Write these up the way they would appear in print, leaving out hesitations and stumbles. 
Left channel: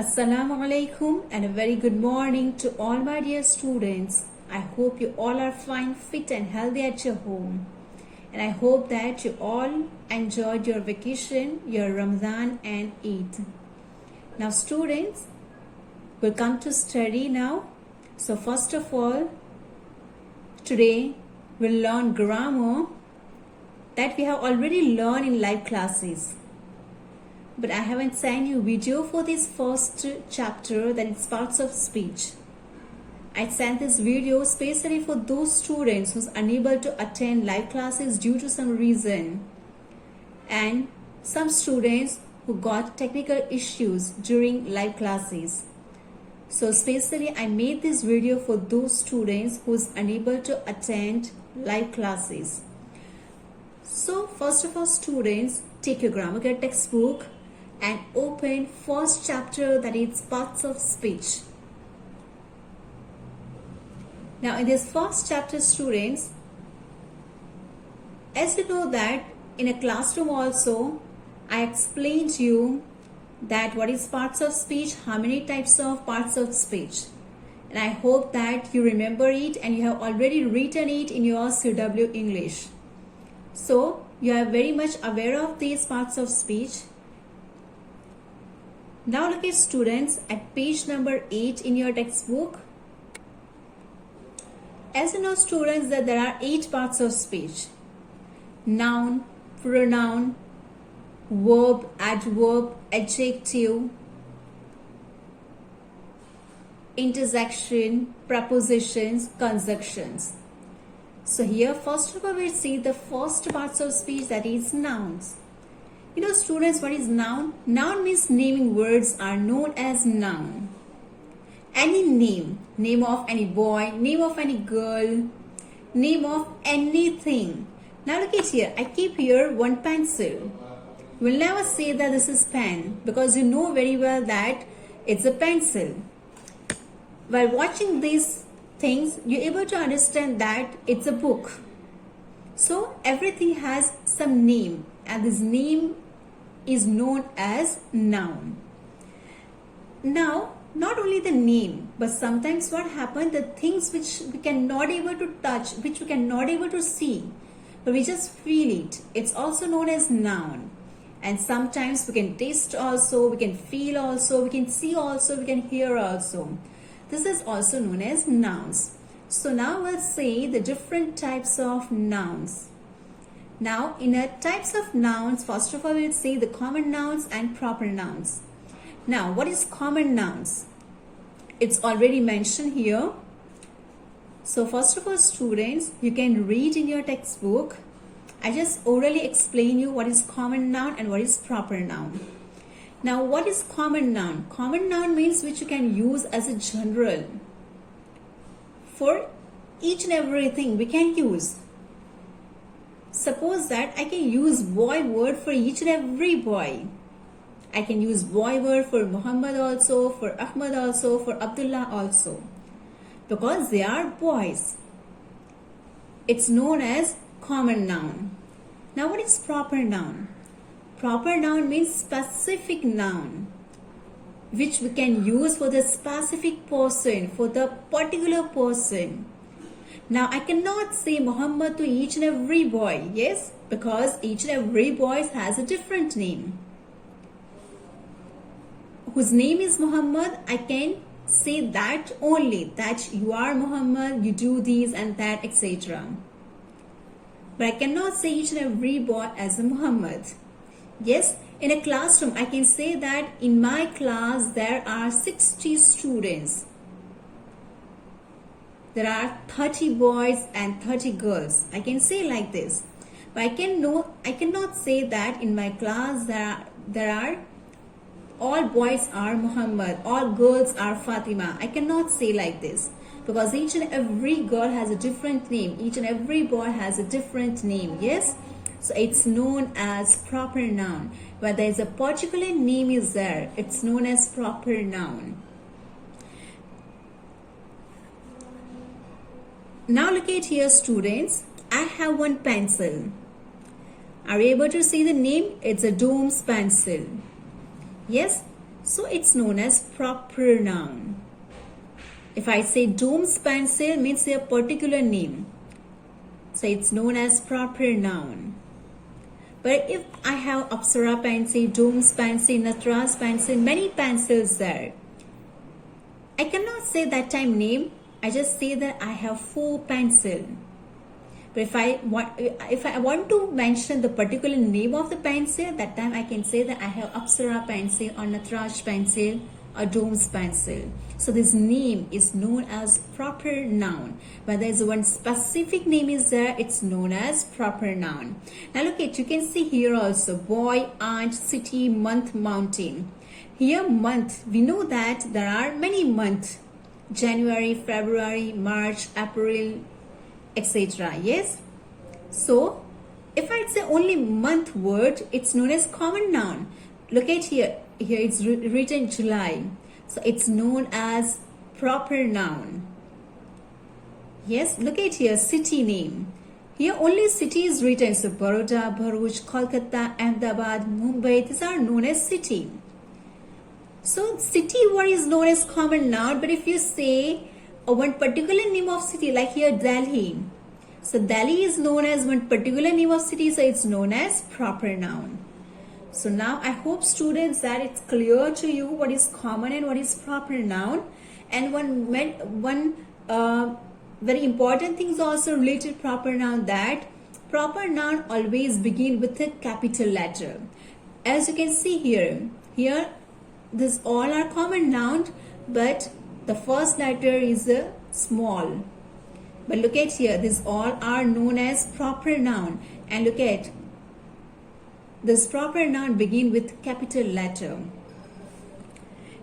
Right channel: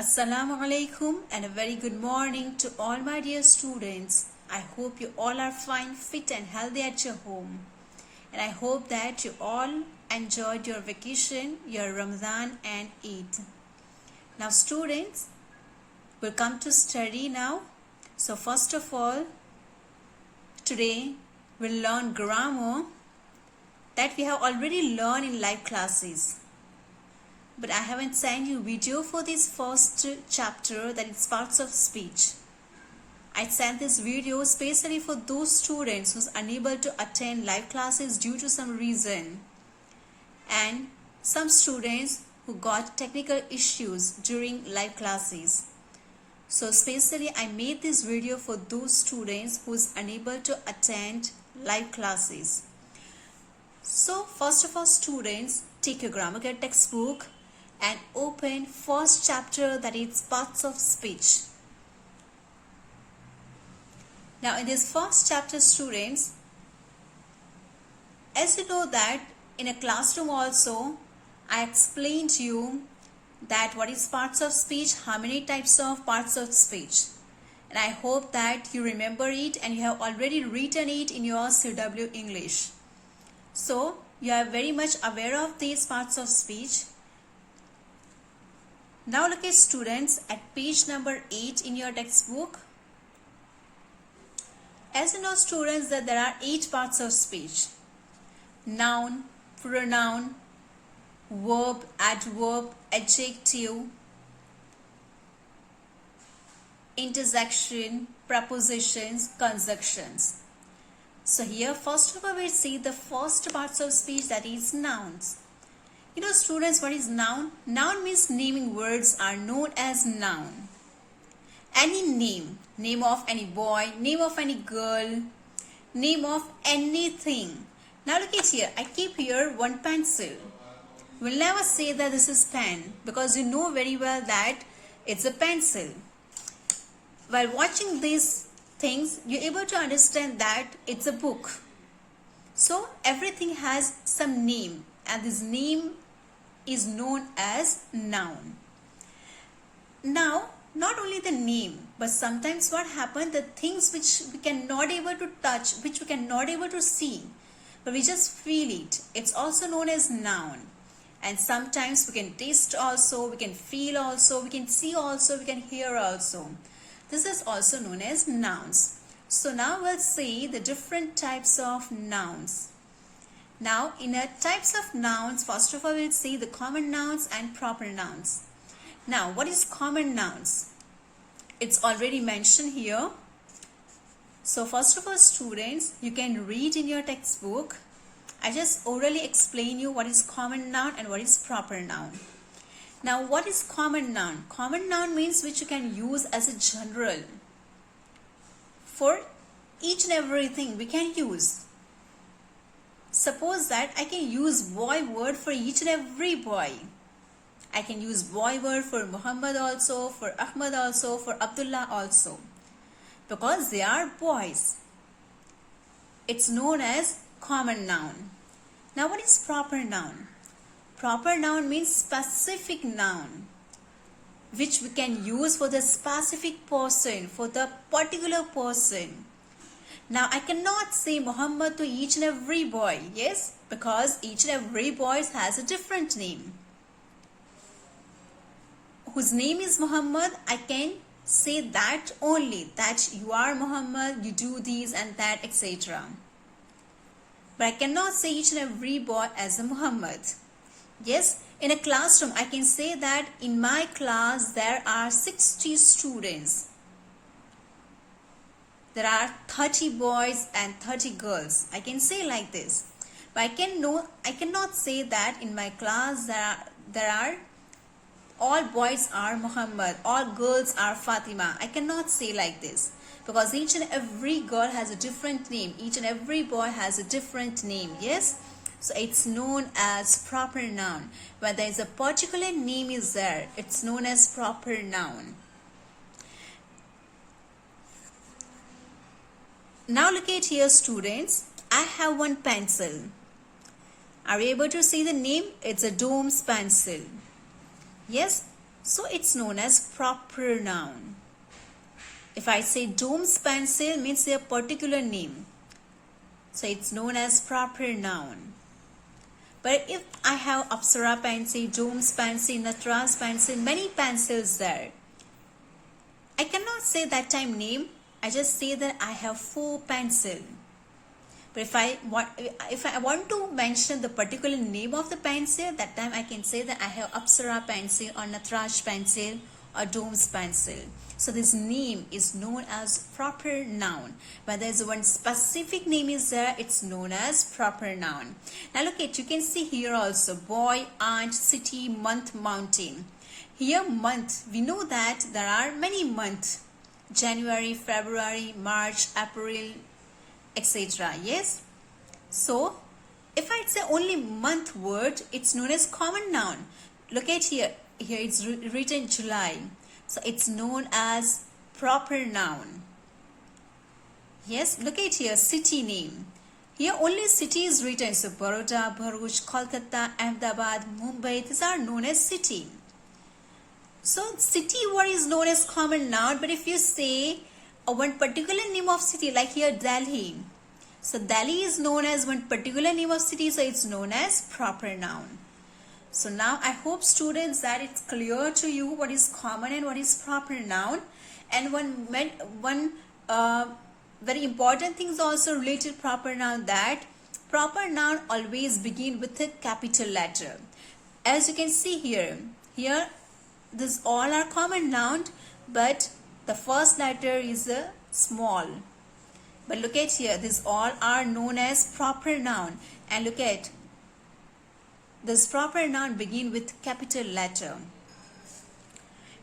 Assalamu alaikum and a very good morning to all my dear students. I hope you all are fine, fit and healthy at your home. And I hope that you all enjoyed your vacation, your Ramadan and Eid. Now students, we'll come to study now. So first of all, today we'll learn grammar that we have already learned in live classes. But I haven't sent you video for this first chapter, that is parts of speech. I sent this video especially for those students who's unable to attend live classes due to some reason, and some students who got technical issues during live classes. So especially I made this video for those students who's unable to attend live classes. So first of all, students, take your grammar guide textbook and open first chapter, that is parts of speech. Now in this first chapter, students, as you know that in a classroom also I explained to you that what is parts of speech, how many types of parts of speech, and I hope that you remember it and you have already written it in your CW English. So you are very much aware of these parts of speech. Now look at students at page number 8 in your textbook. As you know students that there are 8 parts of speech: noun, pronoun, verb, adverb, adjective, interjection, prepositions, conjunctions. So here first of all we'll see the first parts of speech, that is nouns. You know students, what is noun? Noun means naming words are known as noun. Any name of any boy, name of any girl, name of anything. Now look at here, I keep here one pencil. We'll never say that this is pen because you know very well that it's a pencil. While watching these things, you're able to understand that it's a book. So everything has some name, and this name is known as noun. Now, not only the name, but sometimes what happens, the things which we cannot able to touch, which we cannot able to see, but we just feel it, it's also known as noun. And sometimes we can taste also, we can feel also, we can see also, we can hear also. This is also known as nouns. So now we'll see the different types of nouns. Now in the types of nouns, first of all we'll see the common nouns and proper nouns. Now what is common nouns? It's already mentioned here. So first of all students, you can read in your textbook. I just orally explain you what is common noun and what is proper noun. Now what is common noun? Common noun means which you can use as a general. For each and everything we can use. Suppose that I can use boy word for each and every boy. I can use boy word for Muhammad also, for Ahmad also, for Abdullah also. Because they are boys. It's known as common noun. Now what is proper noun? Proper noun means specific noun, which we can use for the specific person, for the particular person. Now I cannot say Muhammad to each and every boy, yes, because each and every boy has a different name. Whose name is Muhammad, I can say that only, that you are Muhammad, you do this and that, etc. But I cannot say each and every boy as a Muhammad. Yes, in a classroom I can say that in my class there are 60 students. There are 30 boys and 30 girls. I can say like this. But I cannot say that in my class there are all boys are Muhammad, all girls are Fatima. I cannot say like this. Because each and every girl has a different name. Each and every boy has a different name. Yes? So it's known as proper noun. When there is a particular name is there, it's known as proper noun. Now look at here students. I have one pencil. Are you able to see the name? It's a Doom's pencil. Yes, So it's known as proper noun. If I say Doom's pencil, means a particular name. So it's known as proper noun. But if I have Apsara pencil, Doom's pencil, Natara's pencil, many pencils there, I cannot say that time name. I just say that I have 4 pencil. But if I want to mention the particular name of the pencil, that time I can say that I have Apsara pencil or Nataraj pencil or Doom's pencil. So this name is known as proper noun. When there is one specific name is there, it's known as proper noun. Now look at, you can see here also boy, aunt, city, month, mountain. Here month, we know that there are many months. January, February, March, April, etc. Yes. So if I say only month word, it's known as common noun. Look at here. Here it's written July. So it's known as proper noun. Yes. Look at here, city name. Here only city is written. So Baroda, Bharuch, Kolkata, Ahmedabad, Mumbai. These are known as city. So city word is known as common noun. But if you say one particular name of city, like here Delhi, so Delhi is known as one particular name of city, so it's known as proper noun. So now I hope students that it's clear to you what is common and what is proper noun. And one very important thing is also related to proper noun, that proper noun always begin with a capital letter. As you can see here this all are common noun, but the first letter is a small. But look at here, these all are known as proper noun. And look at this proper noun begin with capital letter.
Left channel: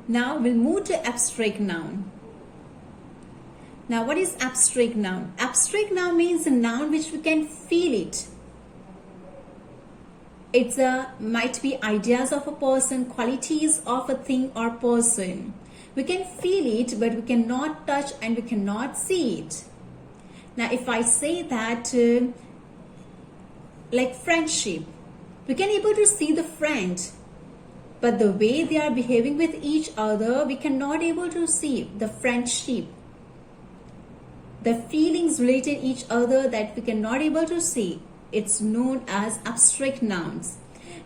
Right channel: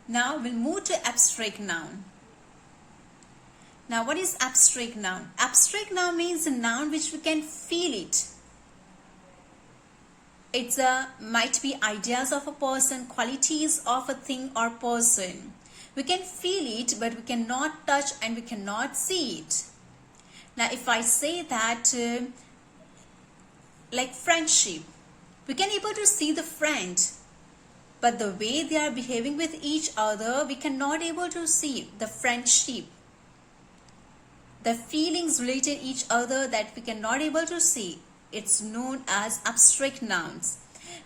Now we'll move to abstract noun. Now what is abstract noun? Abstract noun means a noun which we can feel it. It's might be ideas of a person, qualities of a thing or person. We can feel it, but we cannot touch and we cannot see it. Now, if I say that, like friendship, we can able to see the friend, but the way they are behaving with each other, we cannot able to see the friendship. The feelings related each other that we cannot able to see. It's known as abstract nouns.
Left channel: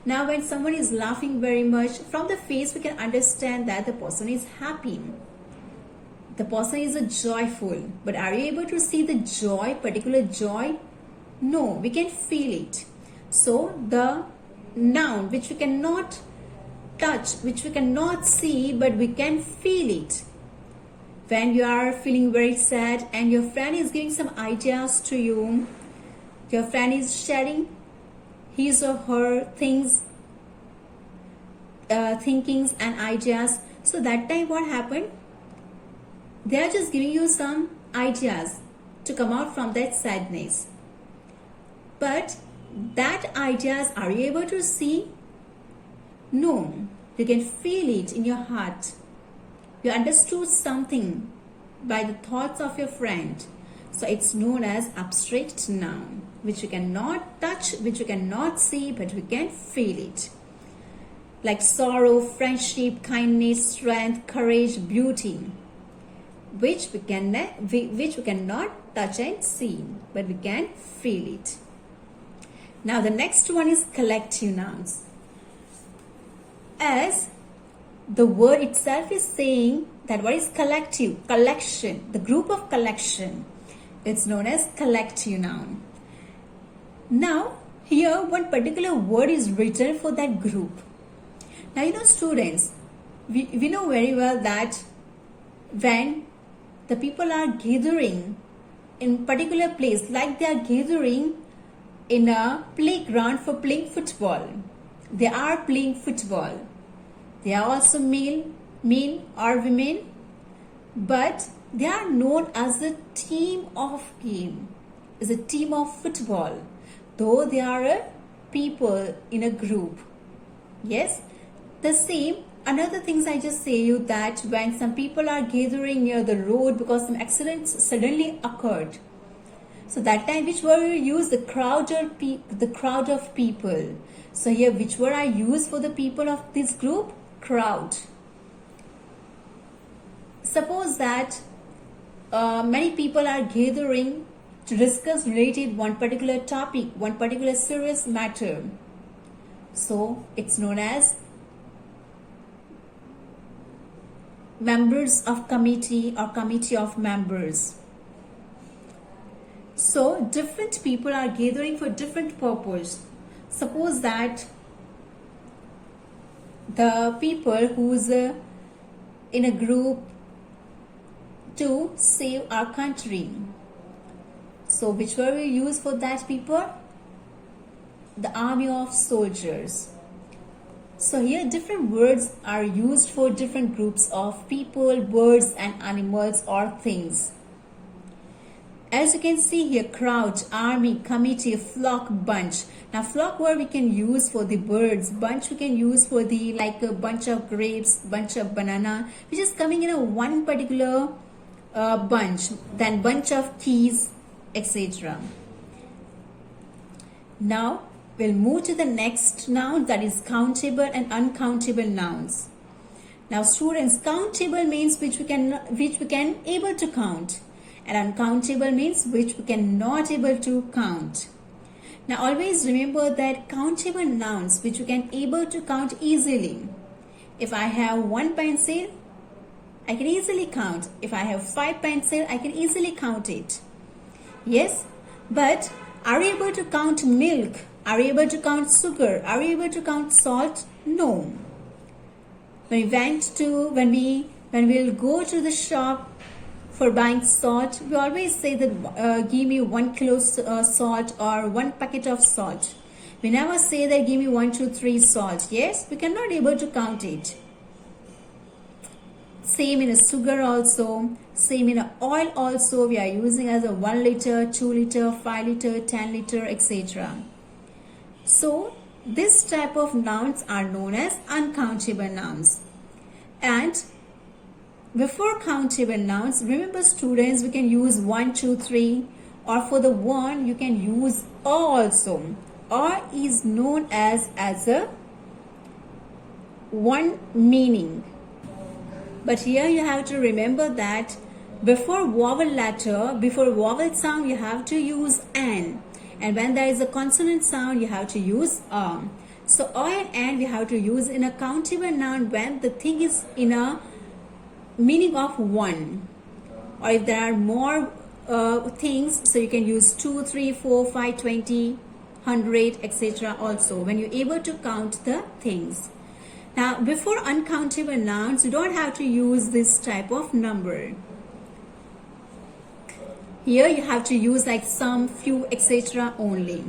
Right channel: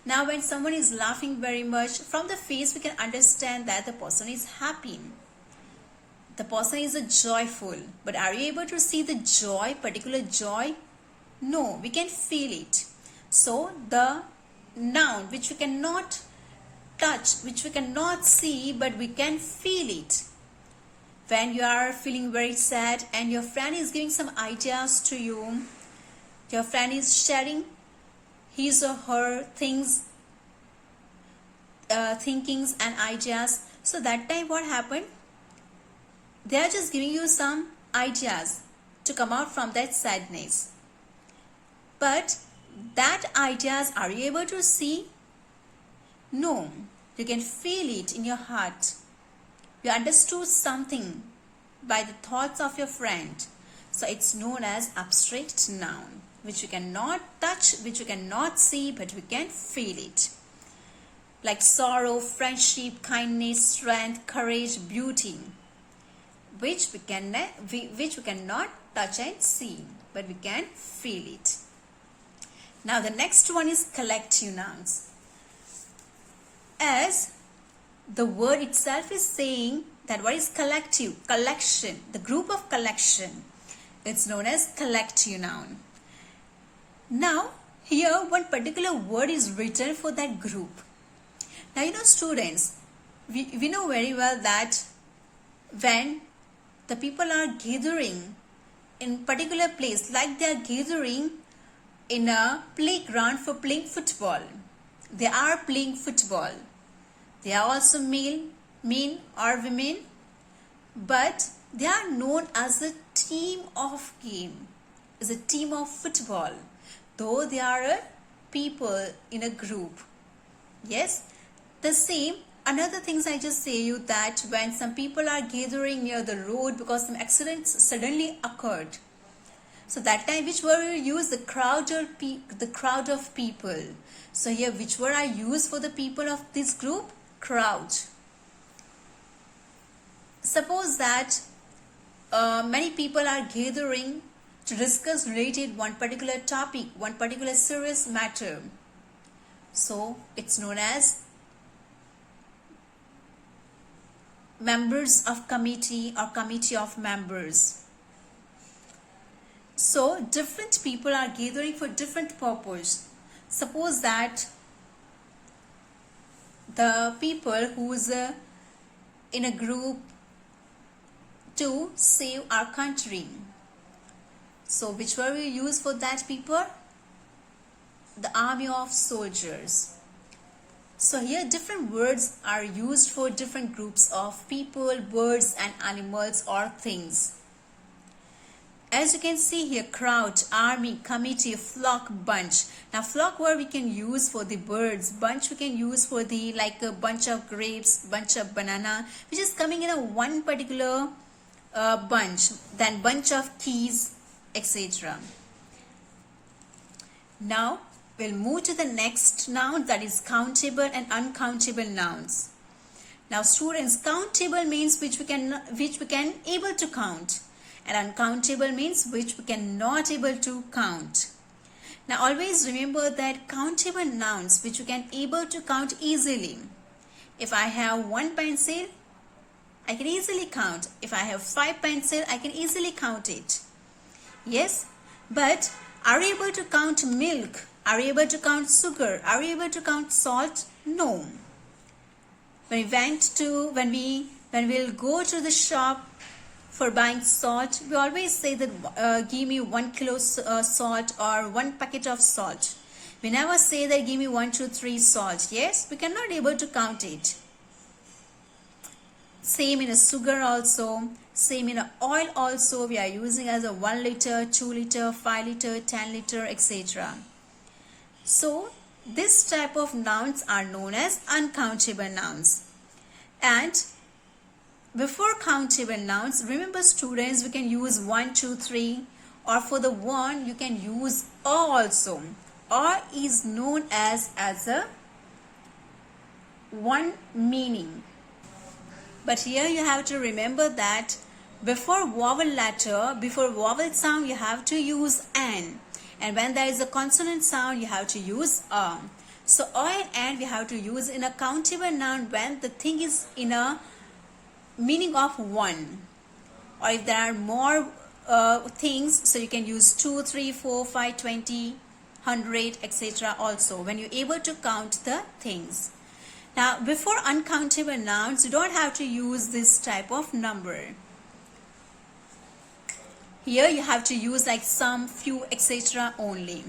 Now, when someone is laughing very much, from the face we can understand that the person is happy. The person is joyful. But are you able to see the joy, particular joy? No, we can feel it. So, the noun which we cannot touch, which we cannot see, but we can feel it. When you are feeling very sad and your friend is giving some ideas to you, your friend is sharing his or her things, thinkings and ideas. So that time what happened? They are just giving you some ideas to come out from that sadness. But that ideas, are you able to see? No, you can feel it in your heart. You understood something by the thoughts of your friend. So it's known as abstract noun, which you cannot touch, which you cannot see, but we can feel it. Like sorrow, friendship, kindness, strength, courage, beauty, which we cannot touch and see, but we can feel it. Now the next one is collective nouns. As the word itself is saying that what is collective? Collection, the group of collection. It's known as collective noun. Now, here one particular word is written for that group. Now, you know students, we know very well that when the people are gathering in particular place, like they are gathering in a playground for playing football. They are playing football. They are also men or women, but they are known as a team of game, as a team of football, though they are people in a group. Yes, the same. Another things I just say you that when some people are gathering near the road because some accidents suddenly occurred. So that time which word you use? The crowd of people. So here which word I use for the people of this group? Crowd. Suppose that many people are gathering to discuss related one particular topic, one particular serious matter. So it's known as members of committee or committee of members. So different people are gathering for different purpose. Suppose that the people who's in a group to save our country. So which word we use for that people? The army of soldiers. So here different words are used for different groups of people, birds and animals or things. As you can see here, crowd, army, committee, flock, bunch. Now flock word we can use for the birds, bunch we can use for the like a bunch of grapes, bunch of banana, which is coming in a one particular bunch, then bunch of keys, etc. Now we'll move to the next noun, that is countable and uncountable nouns. Now students, countable means which we can able to count, and uncountable means which we can not able to count. Now always remember that countable nouns which we can able to count easily. If I have 1 pencil, I can easily count. If I have 5 pencils, I can easily count it. Yes, but are we able to count milk? Are we able to count sugar? Are we able to count salt? No. When we'll go to the shop for buying salt, we always say that give me 1 kilo salt or 1 packet of salt. We never say that give me 1, 2, 3 salt. Yes, we cannot able to count it. Same in a sugar also, same in a oil also, we are using as a 1 liter, 2 liter, 5 liter, 10 liter, etc. So this type of nouns are known as uncountable nouns. And before countable nouns, remember students, we can use 1, 2, 3, or for the one you can use or also. Or is known as a one meaning. But here you have to remember that before vowel letter, before vowel sound, you have to use an. And when there is a consonant sound, you have to use a. So a and we have to use in a countable noun when the thing is in a meaning of one. Or if there are more things, so you can use 2, 3, 4, 5, 20, 100, etc. also when you're able to count the things. Now, before uncountable nouns, you don't have to use this type of number. Here you have to use like some, few, etc. only.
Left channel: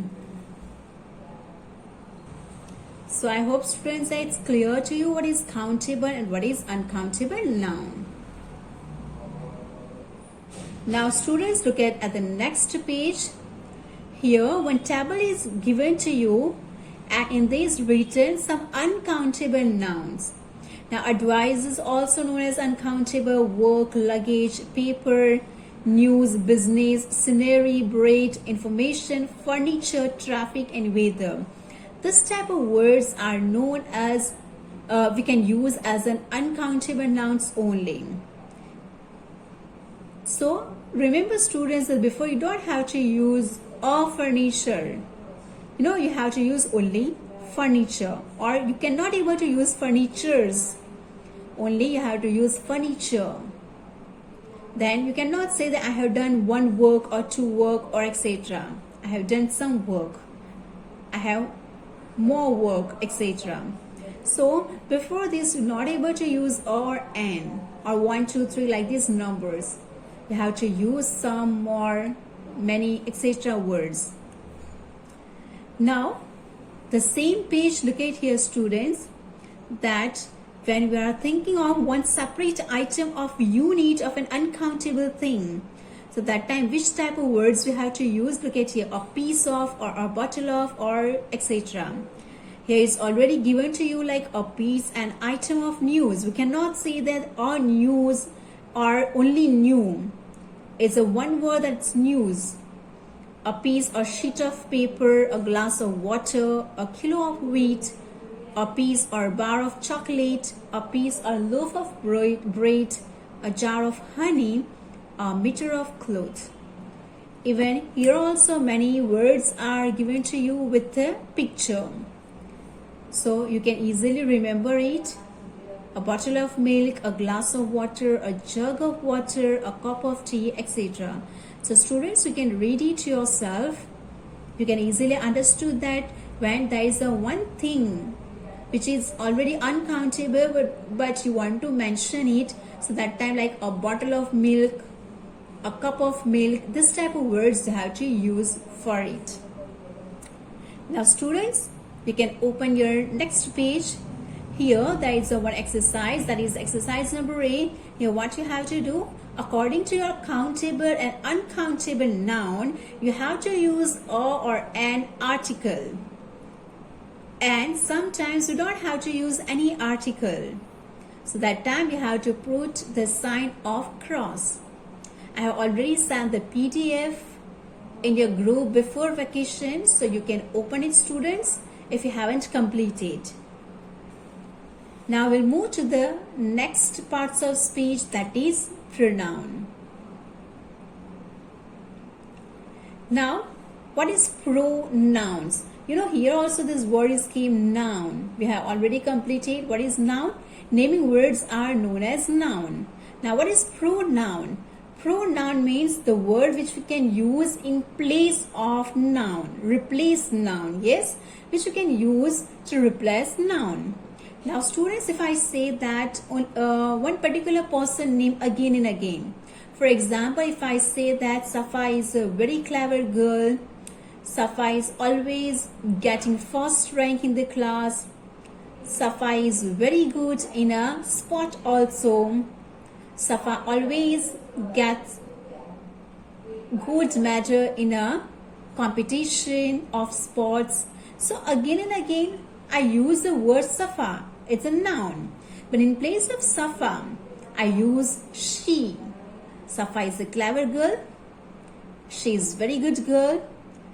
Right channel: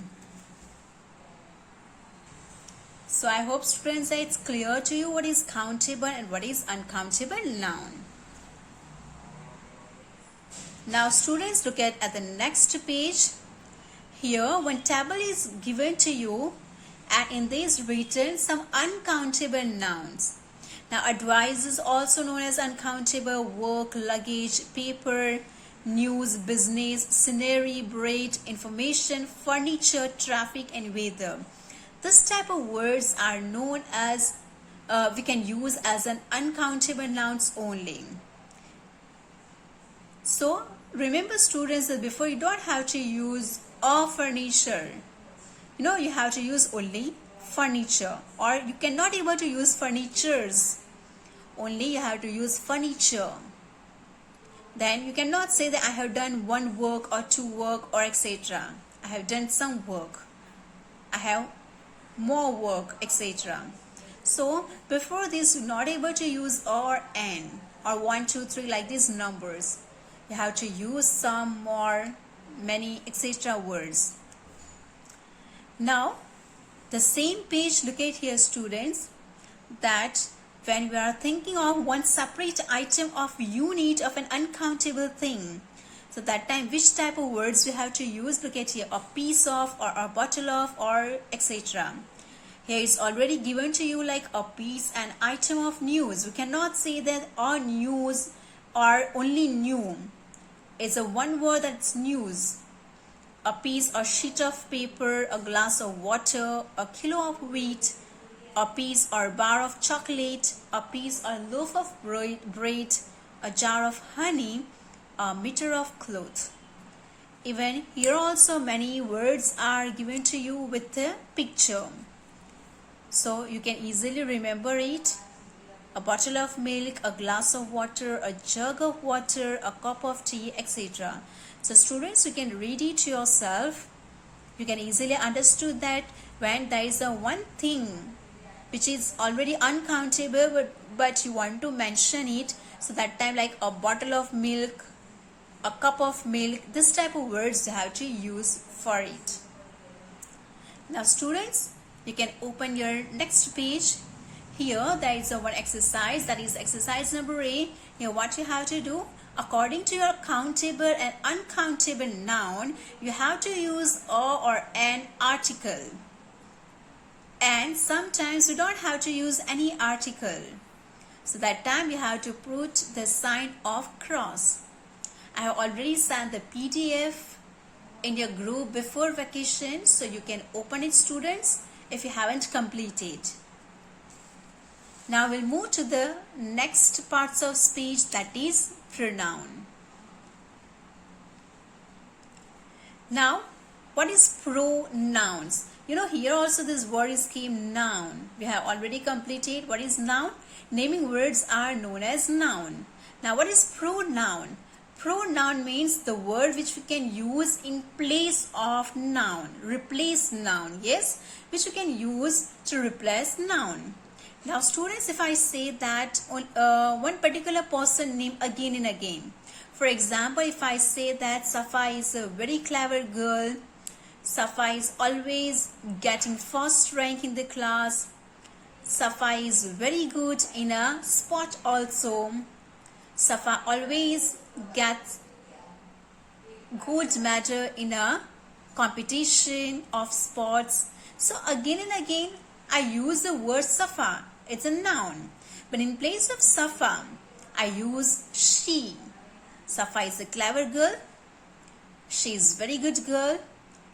So I hope students that it's clear to you what is countable and what is uncountable noun. Now students, look at the next page. Here one table is given to you, and in this written some uncountable nouns. Now advice is also known as uncountable, work, luggage, paper, news, business, scenery, bread, information, furniture, traffic and weather. This type of words are known as, we can use as an uncountable nouns only. So remember students that before you don't have to use a furniture. You have to use only furniture, or you cannot able to use furnitures. Only you have to use furniture. Then you cannot say that I have done one work or two work or etc. I have done some work. I have more work, etc. So before this, you're not able to use or an or 1, 2, 3 like these numbers. You have to use some, more, many, etc. words. Now the same page, look at here students, that when we are thinking of one separate item of unit of an uncountable thing, so that time which type of words we have to use? Look at here, a piece of, or a bottle of, or etc. Here is already given to you like a piece, an item of news. We cannot say that all news are only new. It's a one word, that's news. A piece or sheet of paper, a glass of water, a kilo of wheat, a piece or bar of chocolate, a piece or loaf of bread, a jar of honey, a meter of cloth. Even here also many words are given to you with a picture, so you can easily remember it. A bottle of milk, a glass of water, a jug of water, a cup of tea, etc. So students, you can read it yourself. You can easily understood that when there is a one thing which is already uncountable, but you want to mention it, so that time like a bottle of milk, a cup of milk, this type of words you have to use for it. Now students, you can open your next page. Here there is a one exercise, that is exercise number 8. Here what you have to do, according to your countable and uncountable noun, you have to use a or an article, and sometimes you don't have to use any article, so that time you have to put the sign of cross. I have already sent the PDF in your group before vacation, so you can open it students if you haven't completed. Now we'll move to the next parts of speech, that is pronoun. Now what is pronouns? You know, here also this word is came noun. We have already completed what is noun. Naming words are known as noun. Now what is pronoun? Pronoun means the word which we can use in place of noun, replace noun, yes, which we can use to replace noun. Now students, if I say that one particular person name again and again, for example, if I say that Safa is a very clever girl, Safa is always getting first rank in the class, Safa is very good in a sport also, Safa always gets good medal in a competition of sports. So again and again I use the word Safa. It's a noun, but in place of Safa I use she. Safa is a clever girl, she is very good girl,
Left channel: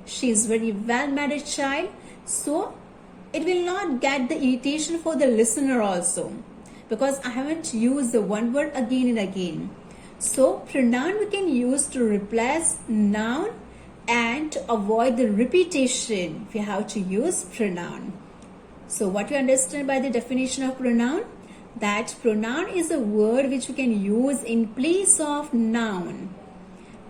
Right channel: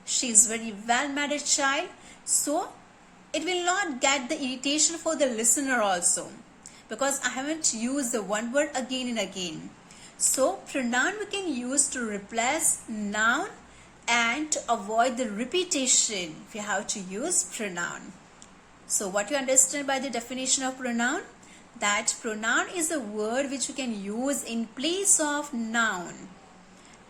she is very well-mannered child. So it will not get the irritation for the listener also, because I haven't used the one word again and again. So pronoun we can use to replace noun and to avoid the repetition. We have to use pronoun. So what you understand by the definition of pronoun? That pronoun is a word which you can use in place of noun,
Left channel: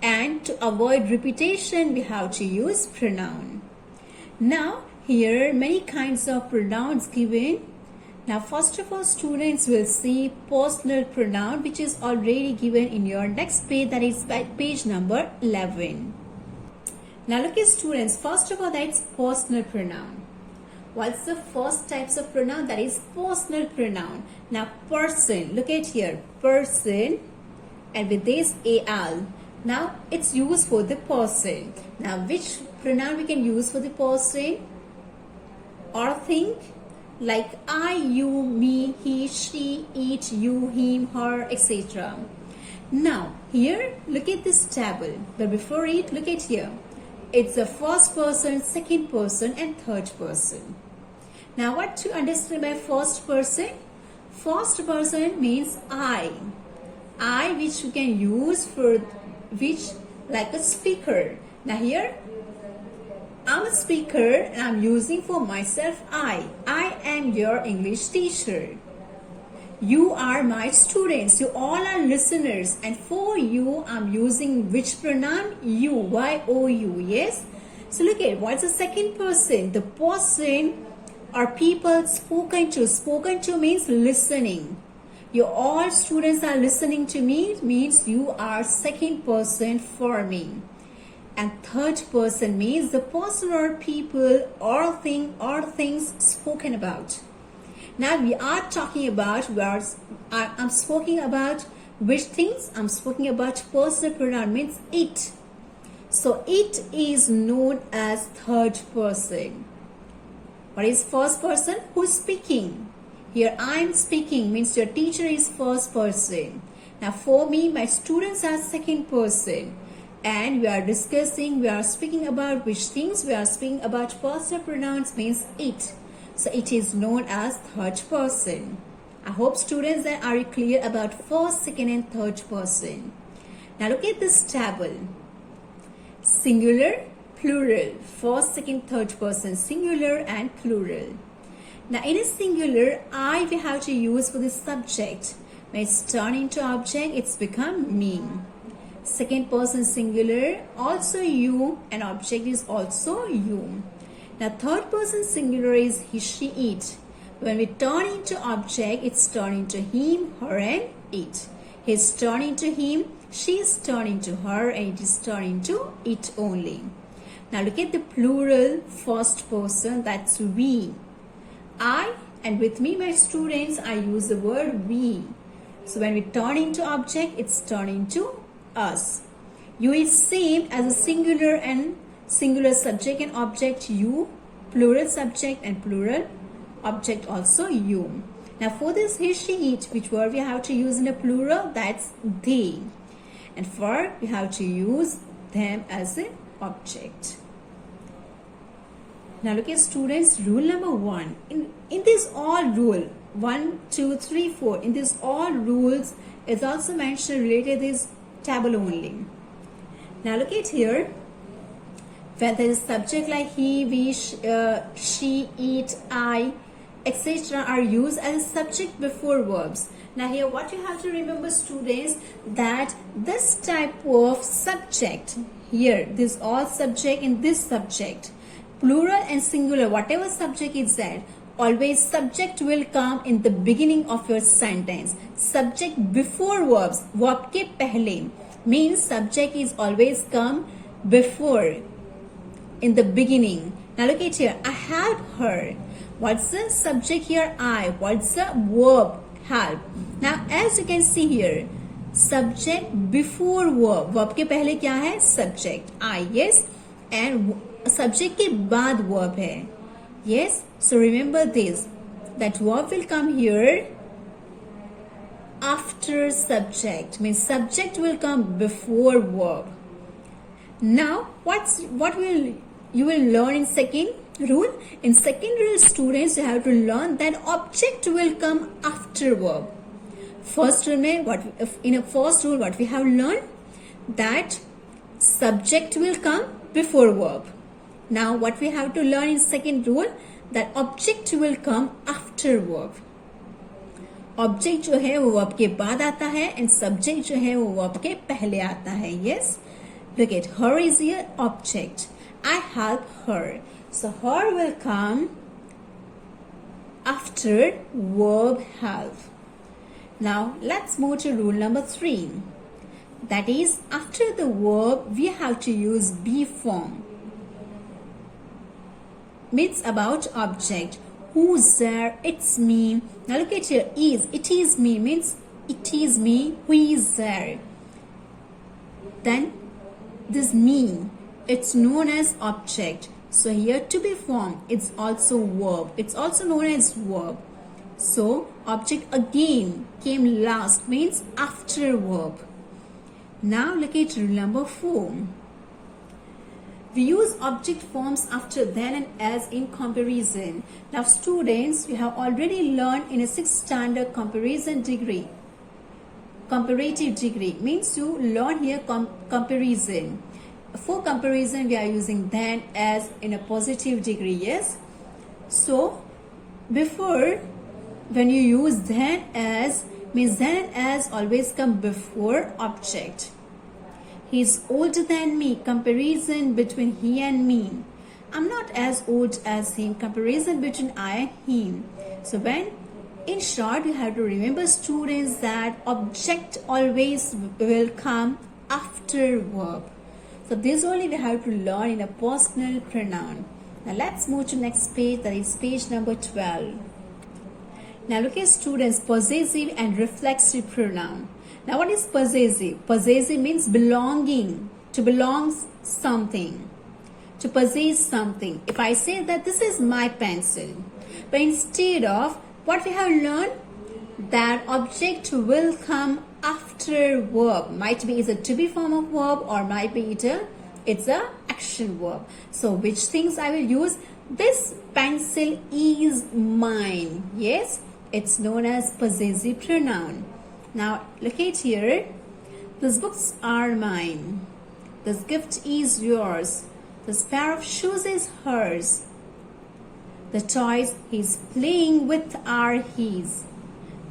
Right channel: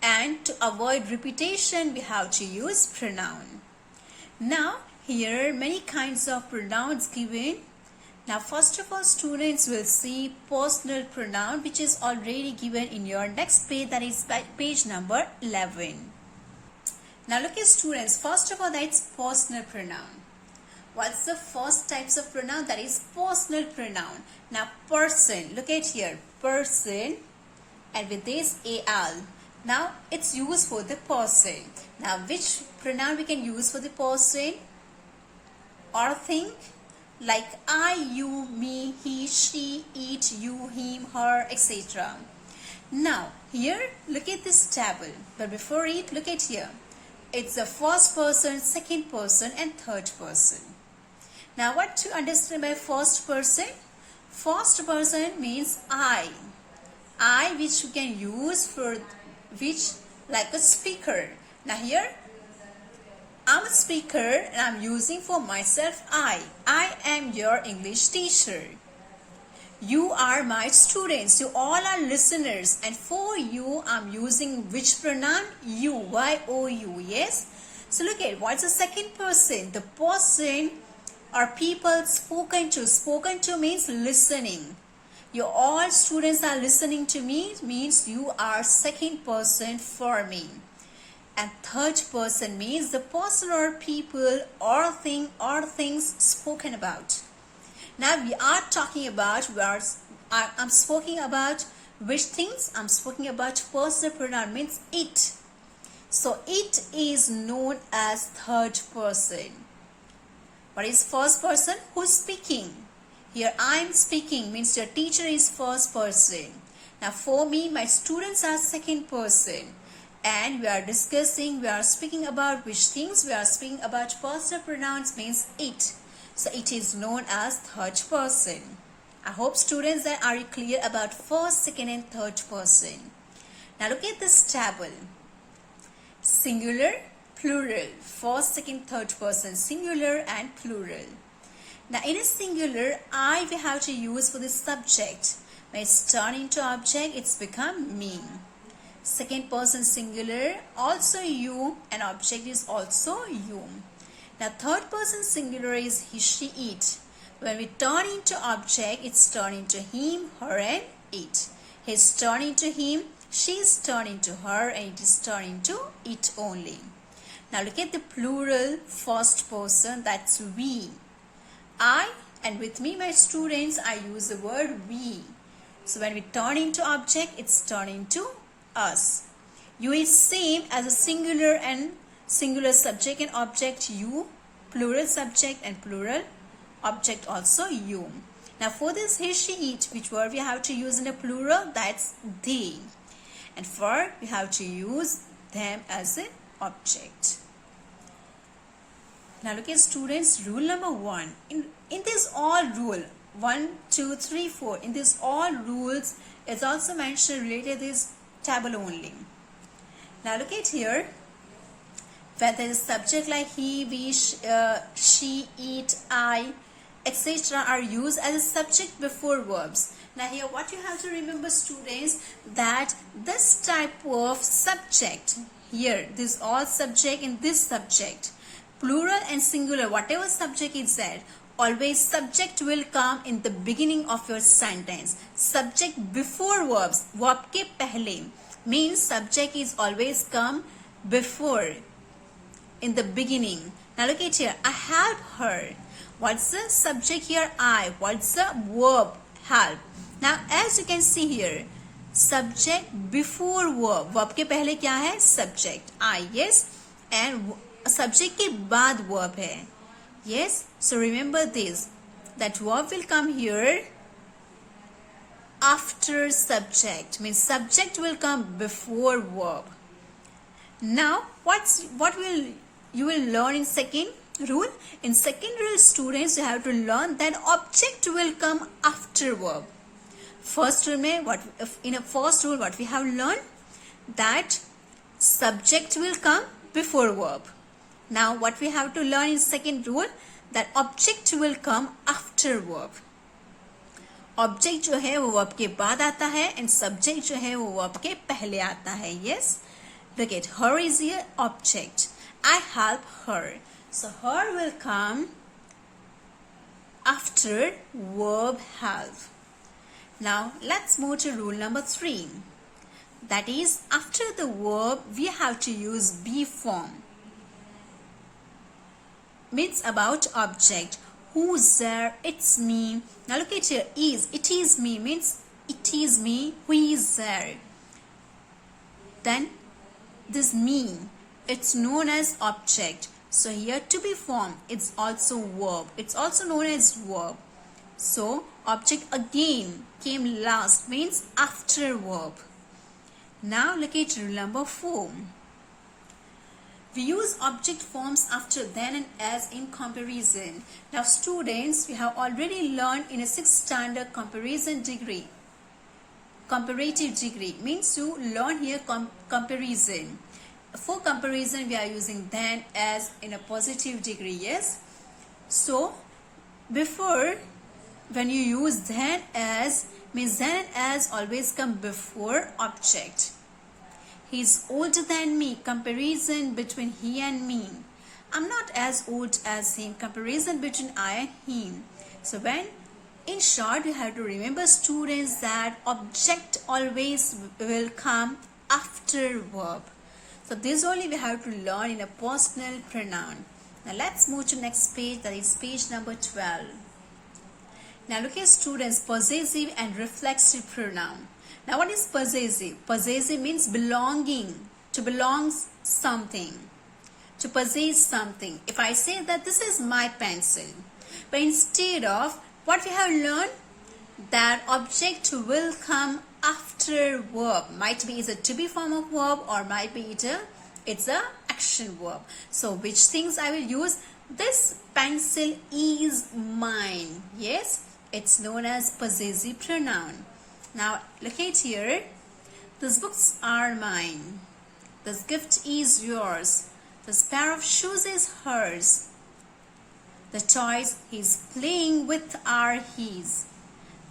and to avoid repetition we have to use pronoun. Now here are many kinds of pronouns given. Now first of all, students will see personal pronoun, which is already given in your next page, that is page number 11. Now look at students, first of all, that's personal pronoun. What's the first types of pronoun? That is personal pronoun. Now person, look at here, person, and with this al. Now it's used for the person. Now which pronoun we can use for the person or thing? Like I, you, me, he, she, it, you, him, her, etc. Now here look at this table, but before it, look at here. It's the first person, second person, and third person. Now what to understand by first person? First person means I, which you can use for which like a speaker. Now here I'm a speaker and I'm using for myself I am your English teacher. You are my students, you all are listeners, and for you I'm using which pronoun? You, Y-O-U, yes? So look at what's the second person? The person or people spoken to. Spoken to means listening. You all students are listening to me, means you are second person for me. And third person means the person or people or thing or things spoken about. Now we are talking about, I'm speaking about which things? I'm speaking about personal pronoun, means it. So it is known as third person. What is first person? Who's speaking? Here I am speaking means your teacher is first person. Now for me, my students are second person. And we are discussing, we are speaking about which things? We are speaking about personal pronouns, means it. So it is known as third person. I hope students that are you clear about first, second and third person. Now look at this table. Singular, plural, first, second, third person, singular and plural. Now in a singular, I we have to use for the subject. When it's turned into object, it's become me. Second person singular, also you, and object is also you. Now third person singular is he, she, it. When we turn into object, it's turned into him, her and it. He's turned into him, she's turned into her, and it is turned into it only. Now look at the plural first person, that's we. I, and with me my students, I use the word we. So when we turn into object, it's turned into us. You is same as a singular and singular subject and object you, plural subject and plural object also you. Now for this he, she, it, which word we have to use in a plural, that's they. And for we have to use them as an object. Now look at students, rule number 1. In this all rule, 1, 2, 3, 4, in this all rules is also mentioned related to this table only. Now look at here. When there is subject like he, we, she, it, I, etc. are used as a subject before verbs. Now here what you have to remember students, that this type of subject here, this all subject in this subject, plural and singular, whatever subject is there, always subject will come in the beginning of your sentence. Subject before verbs, verb ke pehle, means subject is always come before, in the beginning. Now look at here, I have heard. What's the subject here? I. What's the verb? Have. Now as you can see here, subject before verb. Verb के पहले क्या है? Subject. I. Yes. And subject के बाद verb है. Yes. So remember this. That verb will come here after subject. Means subject will come before verb. Now what will you will learn in second rule? In second rule, students, you have to learn that object will come after verb. First rule, in a first rule, what we have learned, that subject will come before verb. Now what we have to learn in second rule, that object will come after verb. Object जो है वो verb के बाद आता है and subject जो है वो verb के पहले आता है. Yes, look at her is here object. I help her. So her will come after verb help. Now let's move to rule number 3. That is, after the verb we have to use be form. Means about object. Who's there? It's me. Now look at here. Is. It is me means it is me. Who is there? Then this me, it's known as object. So here to be formed, it's also verb. It's also known as verb. So object again came last, means after verb. Now look at rule number 4. We use object forms after then and as in comparison. Now students, we have already learned in a 6th standard comparison degree. Comparative degree means you learn here comparison. For comparison, we are using then as in a positive degree. Yes. So before, when you use then as, means then and as always come before object. He is older than me. Comparison between he and me. I'm not as old as him. Comparison between I and him. So when, in short, you have to remember students that object always will come after verb. So this only we have to learn in a personal pronoun. Now let's move to next page, that is page number 12. Now look at students, possessive and reflexive pronoun. Now what is possessive? Possessive means belonging, to belong something, to possess something. If I say that this is my pencil, but instead of what we have learned, that object will come after verb. Might be it's a to be form of verb or might be it's a action verb. So which things I will use? This pencil is mine. Yes, It's known as possessive pronoun. Now look at here. These books are mine. This gift is yours. This pair of shoes is hers. The toys he's playing with are his.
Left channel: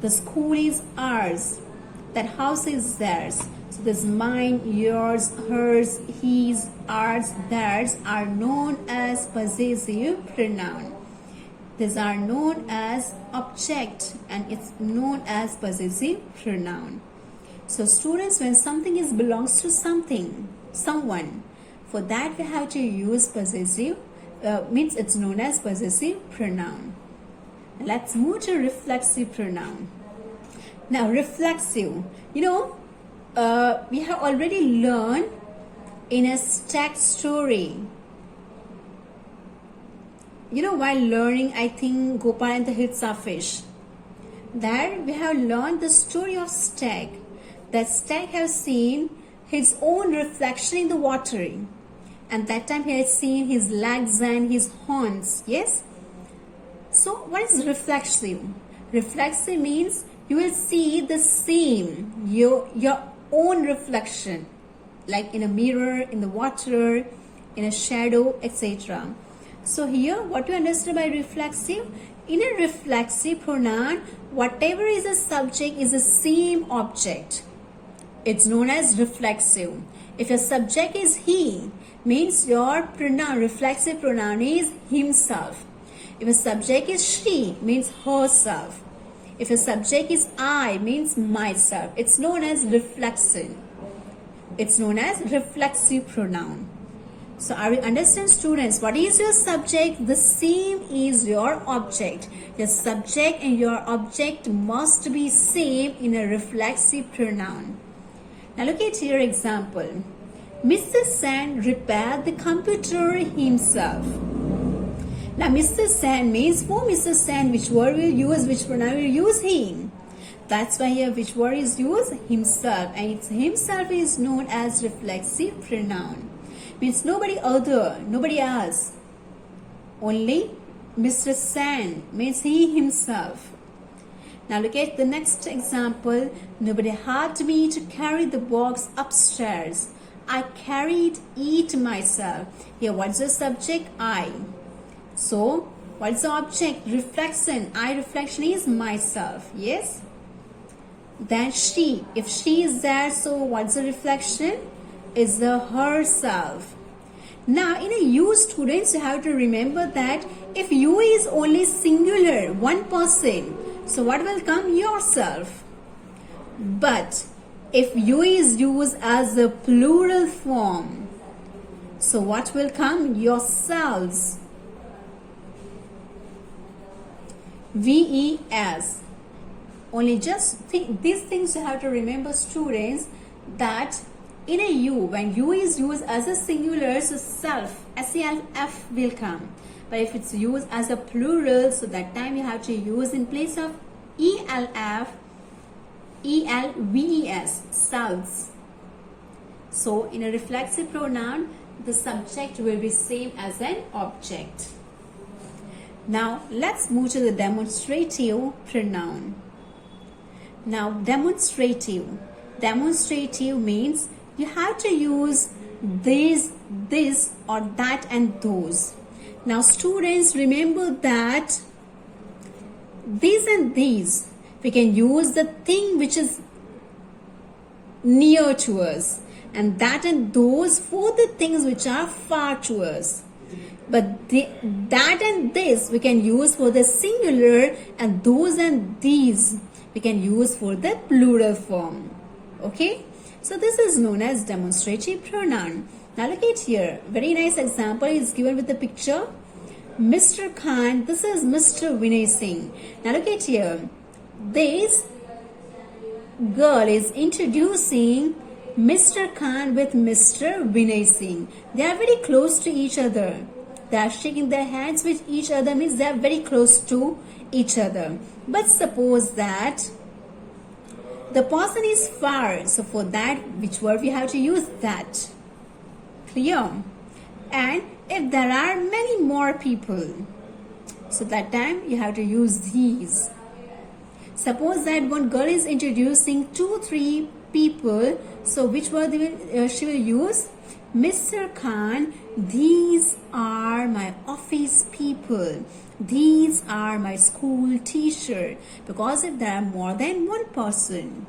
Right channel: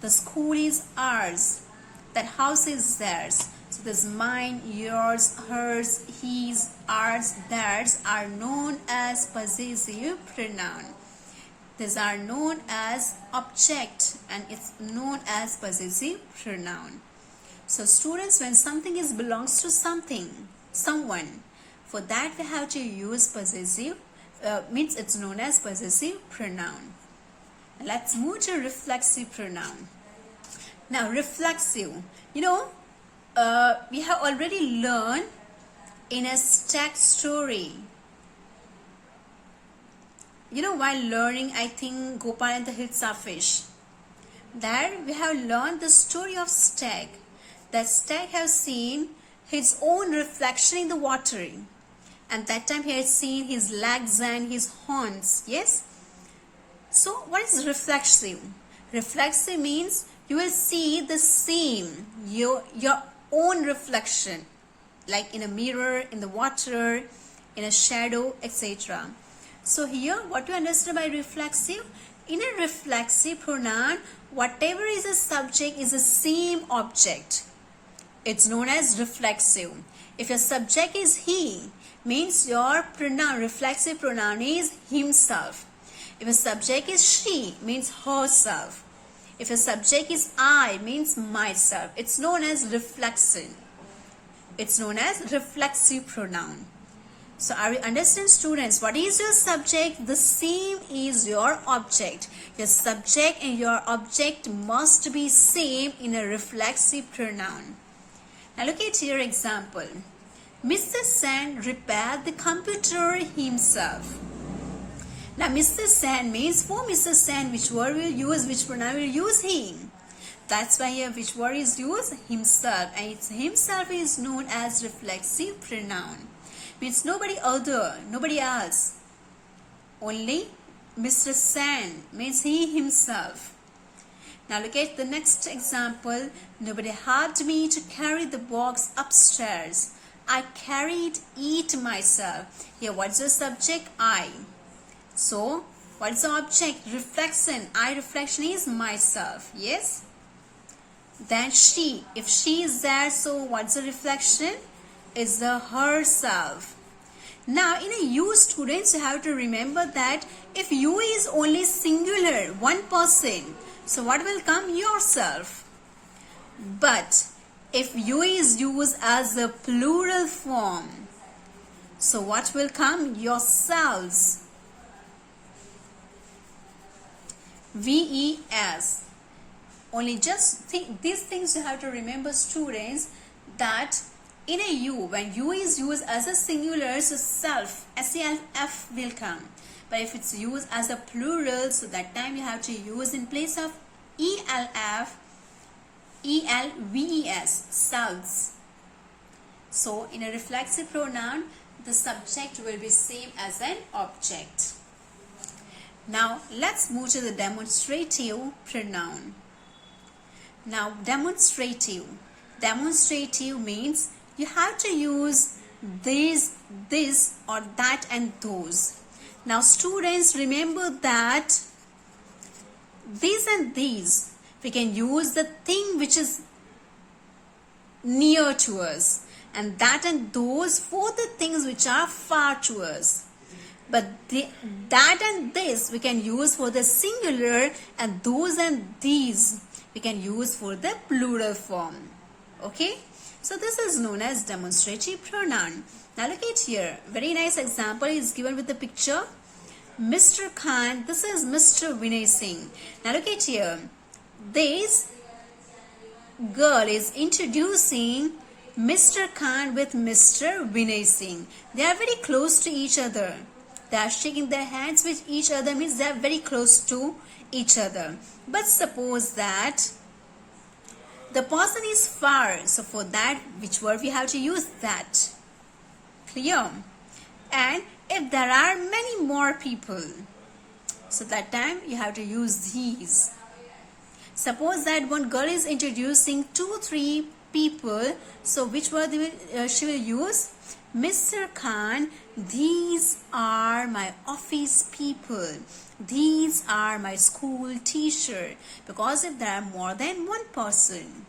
The school is ours. That house is theirs. So this mine, yours, hers, his, ours, theirs are known as possessive pronoun. These are known as object and it's known as possessive pronoun. So students, when something belongs to something, someone, for that we have to use possessive, means it's known as possessive pronoun. Let's move to reflexive pronoun. Now reflexive, we have already learned in a stack story. While learning, I think, Gopal and the Hitsa fish. There we have learned the story of Stag. That Stag has seen his own reflection in the water. And that time he has seen his legs and his horns. Yes? So what is reflexive? Reflexive means you will see the same, your own reflection. Like in a mirror, in the water, in a shadow, etc. So here, what we understand by reflexive? In a reflexive pronoun, whatever is a subject is the same object. It's known as reflexive. If your subject is he, means your pronoun, reflexive pronoun is himself. If a subject is she, means herself. If a subject is I, means myself. It's known as reflexive. It's known as reflexive pronoun. So are you understand, students? What is your subject? The same is your object. Your subject and your object must be same in a reflexive pronoun. Now look at your example. Mr. Sen repaired the computer himself. Now Mr. Sen means for Mr. Sen which word will use, which pronoun will use, him. That's why here which word is used? Himself. And it's himself is known as reflexive pronoun. Means nobody other, nobody else. Only Mr. Sen means he himself. Now look at the next example. Nobody had me to carry the box upstairs. I carried it myself. Here what's the subject? I. So what's the object? Reflection. I reflection is myself. Yes. Then she. If she is there, so what's the reflection? Is the herself. Now in a you, students, you have to remember that if you is only singular, one person, so what will come? Yourself. But if you is used as a plural form, so what will come? Yourselves. VES. Only just think these things you have to remember, students, that in a you, when you is used as a singular, so self, SELF will come. But if it's used as a plural, so that time you have to use in place of ELF, ELVES, selves. So in a reflexive pronoun, the subject will be same as an object. Now let's move to the demonstrative pronoun. Now demonstrative means you have to use this or that and those. Now students, remember that these and these, we can use the thing which is near to us, and that and those for the things which are far to us. But that and this we can use for the singular, and those and these we can use for the plural form. Okay, so this is known as demonstrative pronoun. Now look at here, very nice example is given with the picture. Mr. Khan, this is Mr. Vinay Singh. Now look at here, this girl is introducing Mr. Khan with Mr. Vinay Singh. They are very close to each other. They are shaking their hands with each other, means they are very close to each other. But suppose that the person is far, so for that, which word we have to use? That. Clear? And if there are many more people, so that time you have to use these. Suppose that one girl is introducing 2-3 people, so which word she will use? Mr. Khan, these are my office people, these are my school teacher, because there are more than one person.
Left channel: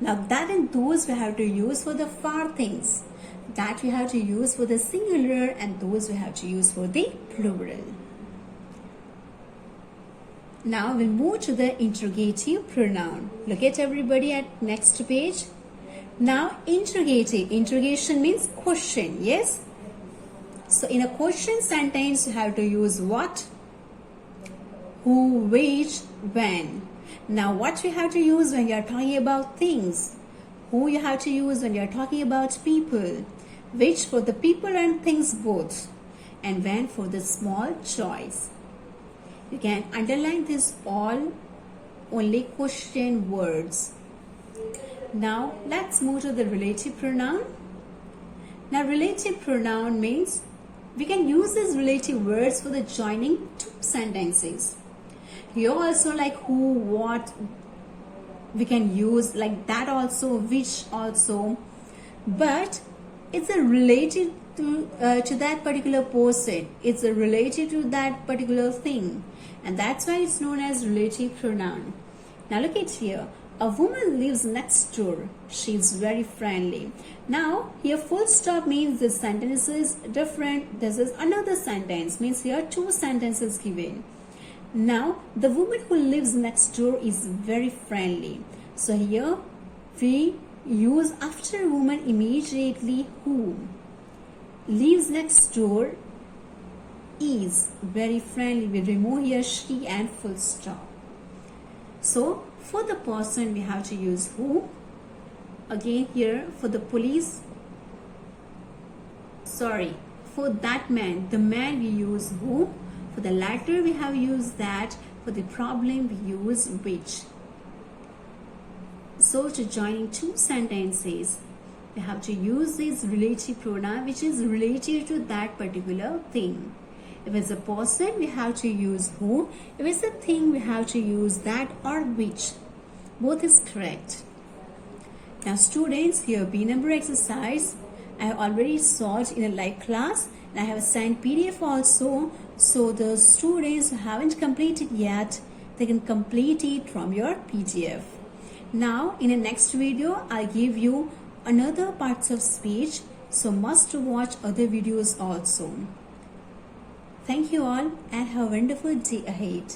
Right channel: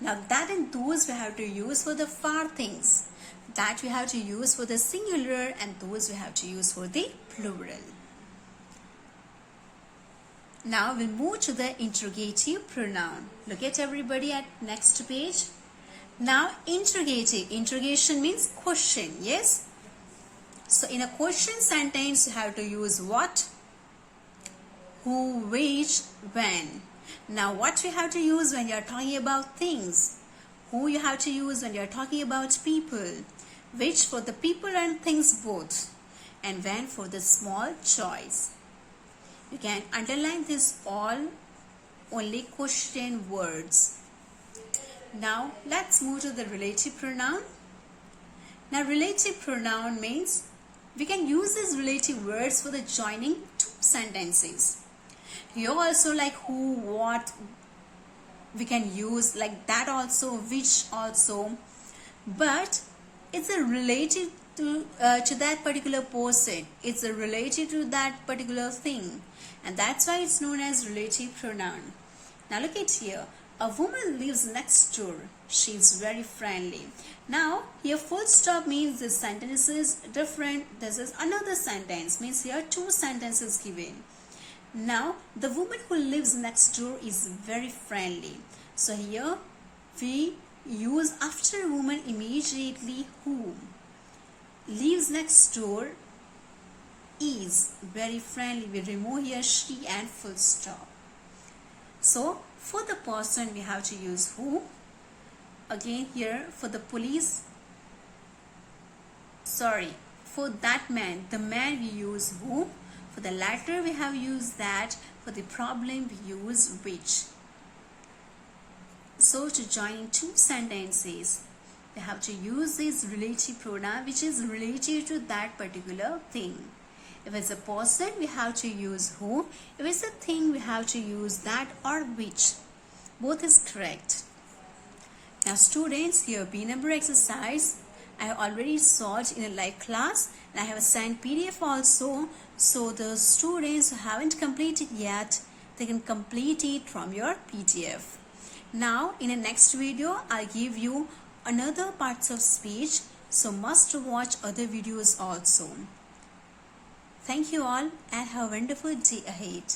Now that and those we have to use for the far things, that we have to use for the singular, and those we have to use for the plural. Now we'll move to the interrogative pronoun. Look at everybody at next page. Now interrogative, interrogation means question, yes? So in a question sentence you have to use what? Who, which, when. Now what you have to use when you are talking about things? Who you have to use when you are talking about people? Which for the people and things both. And when for the small choice. You can underline this all only question words. Now let's move to the relative pronoun. Now relative pronoun means we can use these relative words for the joining two sentences. Here also like who, what, we can use like that also, which also, but it's a relative to that particular person. It's a related to that particular thing, and that's why it's known as relative pronoun. Now look at here. A woman lives next door. She's very friendly. Now here full stop means this sentence is different. This is another sentence, means here two sentences given. Now the woman who lives next door is very friendly. So here we use after woman immediately who. Lives next door is very friendly. We remove here she and full stop. So for the person we have to use who. Again here for the police, for that man, the man we use who. For the latter we have used that. For the problem we use which. So to join two sentences we have to use this relative pronoun which is related to that particular thing. If it's a person we have to use who. If it's a thing we have to use that or which. Both is correct. Now students, here B number exercise I have already solved in a live class, and I have assigned PDF also, so the students who haven't completed yet, they can complete it from your PDF. Now in the next video I'll give you another parts of speech, so must watch other videos also. Thank you all and have a wonderful day ahead.